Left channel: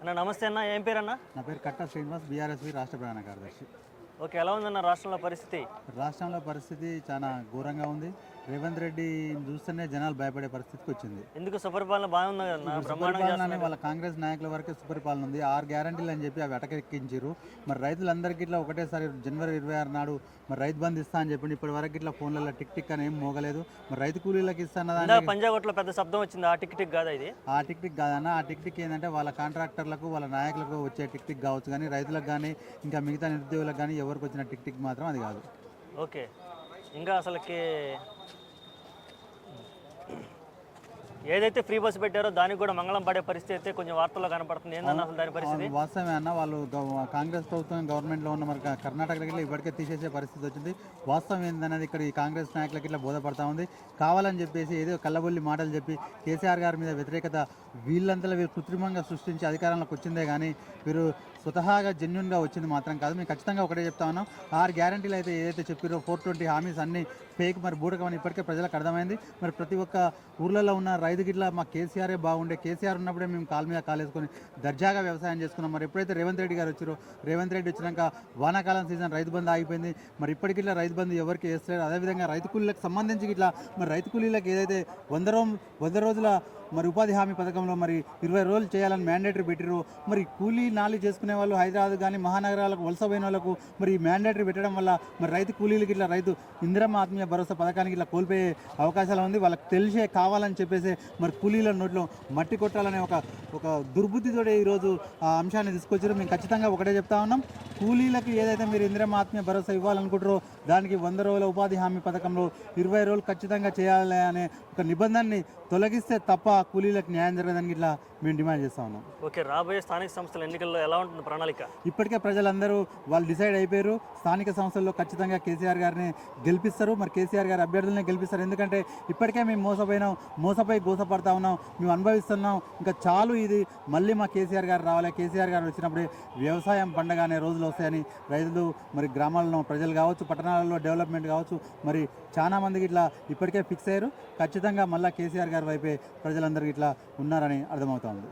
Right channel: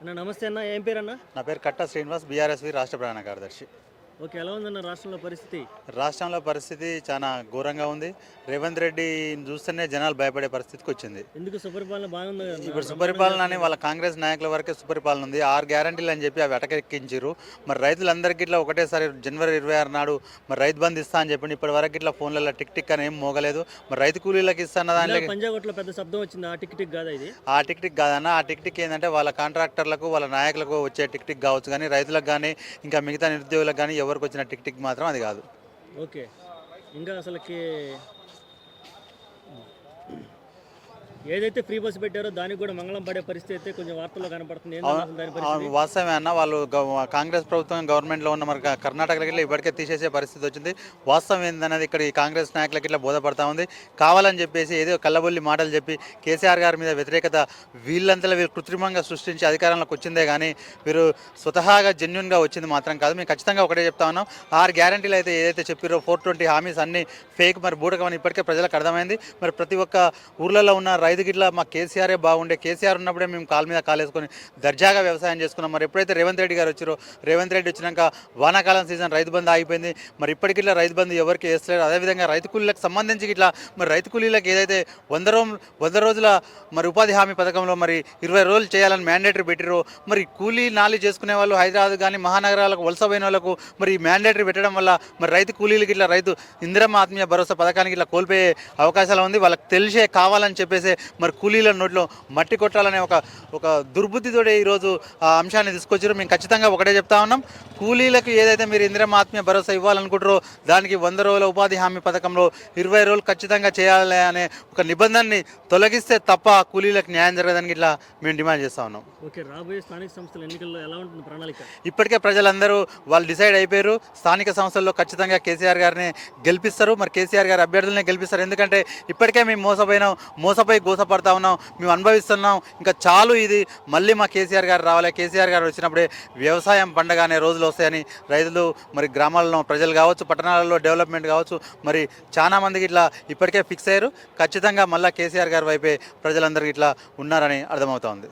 అన్న నమస్తే అన్న, ఏం పేరన్నా? నా పేరు కట్టా శ్రీనివాస్, బీఆర్ఎస్వి రాష్ట్ర ప్రధాన కార్యదర్శి. ఓకే, ఎలా ఉందన్న రాష్ట్రంలో పరిస్థితి? రాష్ట్రంలో పరిస్థితి చాలా ఘోరంగా ఉంది. రేవంత్ రెడ్డిని చూస్తేనే జనాలు భయపడే పరిస్థితికి వచ్చింది. ఎందుకు సుపరిపాలన బాగుంది కదన్నా, ఇప్పుడు బ్రహ్మాండంగా సుపరిపాలన అని చేస్తున్నారు వాళ్ళ కదా. కాంగ్రెస్ నాయకుల వరకే సుపరిపాలన ఉంది. 6 గ్యారంటీలు అని చెప్పి అవి అటకెక్కించారు. మరి రైతులందరికీ ఇట్లా ఒకటేసారి జనవరి 26 నాడు మరి రైతు బంధు ఇస్తా అని చెప్పి ఇప్పటి వరకు ఇట్లా ఫోన్లలో టిక్ టిక్ అని ఏం మోగలేదు. మరి రైతు కూలీలకు ఇస్తున్న ఇలా దాంట్లో పంజాగుట్లో పెద్ద శబ్దం వచ్చింది, ఆ టిక్ టిక్ కాదా ఇది? ఆ టిక్ టిక్ కాదన్న. ఆ టిక్ టిక్ ఏంటంటే వాళ్ళ కాంట్రాక్టర్లకు వాళ్ళ నాయకులకు వచ్చే టిక్ టిక్ కావచ్చు, కానీ రైతులకు కానీ ఇంకా మిగతా నిరుద్యోగులకు కానీ ఎవరికి వచ్చిన టిక్ టిక్ మాత్రం అది కాదు. ఓకే, ఇంకా అసలుకి ఏదైతే ఫ్రీ బస్ పెట్టారో దానికి కూడా మంగళం పడే పరిస్థితి అయితే కొంచెం వార్తల్లో కనపడుతుంది. ఏంటన్నా అసలు దాని పరిస్థితి? వాస్తవమే అన్న. వాళ్ళు కాంగ్రెస్ ప్రభుత్వం గవర్నమెంట్లో ఉన్న మరి కర్ణాటకకి ఇట్లా ఇప్పటికే తీసేసే పరిస్థితి వచ్చింది. వాస్తవం ఏందనేది ఇక్కడ ఈ కాంగ్రెస్ నాయకులకి ఇట్లా బోధపడతా ఉంది. కావాలని చెప్పేసి ఏదో కల్లబొల్లి మాటలు చెప్పి కేసీఆర్ గారి మీద వ్యతిరేకత వీళ్ళంతా వీళ్ళు కృత్రిమంగా సృష్టించి అధికారంలోకి వచ్చిందే కానీ వీరు స్వతహాగా జెన్యున్గా వచ్చింది మాత్రం కాదు. మేము ఖచ్చితంగా ఒకటే చెప్తా ఉన్నాం, 6 గ్యారంటీలు అయితే ఏదైతే చెప్పారో 420 హామీస్ అన్ని ఫేక్, మరి బూటకమని ఇప్పటికే ప్రజలకు అర్థమైంది. మరి ప్రతి ఒక్క ఊర్లలో ఉన్న రైతుకి ఇట్లా మా కేసీఆరే బాగుండే, కేసీఆర్ ఉన్నప్పుడే మేము కాలు మీద కాలేసుకొని దర్జాగా వ్యవసాయం చేసుకున్నాం. మరి ఎప్పుడైతే రేవంత్ రెడ్డి గారు వచ్చారో, రేవంత్ రెడ్డి వచ్చినాక వానాకాలం సీజన్ రైతు బంధు ఆగిపోయింది. మరి ఇప్పటికి ఇట్లా రైతు బంధు ఎవరికి వేస్తలేరు. అదేవిధంగా రైతు కూలీలకు సంబంధించి ఇట్లా మరి రైతు కూలీలకు ఏదైతే 100 రోజుల మరి ఉపాధి హామీ పథకంలో మరి 20 రోజులు చేయాలని మ్యాండేటరీ పెట్టిరో, మరి కూలీ నాలి చేసుకునే వాళ్ళు హైదరాబాద్ కానీ మహానగరాలకు వలస పోయిన వాళ్ళకు మరి ఈ మ్యాండేటరీ పెట్టడం వల్ల మరి రైతు కూలీలకి ఇట్లా రైతు ఇందిరమ్మ ఆత్మీయ భరోసా పథకానికి ఇట్లా కోల్పోయే అవకాశాలు ఉంది. వాళ్ళకి తెలిసే కావాలని చెప్పేసి మరి కూలీల నోట్లో మట్టి కొట్టాలనే ఒక దుర్బుద్ధితోటే ఈరోజు ఆ అంశాన్ని తీసుకొచ్చారు. మేము ఖచ్చితంగా ఒకటే చెప్తా ఉన్నాం, కూలీలకు ఏదైతే మీరు ఇందిరమ్మ ఆత్మీయ భరోసా ఇవ్వాలనుకుంటారో దానికి 100 రోజుల ఉపాధి హామీ పథకంలో 20 రోజులు ఖచ్చితంగా చేయాలి అనే ఒక నిబంధనని తొలగిస్తే తప్ప కూలీలకు న్యాయం జరగదని ఇట్లా మేము డిమాండ్ చేస్తూ ఉన్నాం. ఓకే, రాబోయే స్థానిక సంస్థల ఎన్నికల్లో ఎలా ఉంటుంది ప్రణాళిక? ఇప్పటికే ప్రజలందరూ వాళ్ళు డిసైడ్ అయిపోయారు. స్థానిక సంస్థల్లో ఖచ్చితంగా కేసీఆర్ గారిని గెలిపిస్తారు. మరి కేసీఆర్ గారి అభ్యర్థులనే గెలిపిస్తారు. ఎందుకంటే ఇప్పటికే మేము మోసపోయి గోసపడతా ఉన్నాం, మేము అనుభవిస్తున్నాం. ఇంకా చాలు ఇది, మళ్ళీ మా కేసీఆర్ గారు రావాలి, కేసీఆర్ గారు వచ్చినప్పుడే వ్యవసాయం పండగ అనే రోజులు వస్తాయని రైతులు మరి గ్రామాల్లో ప్రజలు కావచ్చు, పట్టణాలలో డెవలప్మెంట్ కావచ్చు, మరి చాలా మందికి ఇట్లా ఇప్పటికే ఫిక్స్ అయ్యారు. ఖచ్చితంగా మళ్ళీ కేసీఆర్ గారి వైపే ప్రజలందరికీ ఇట్లా ఉన్నారని అర్థమవుతోంది.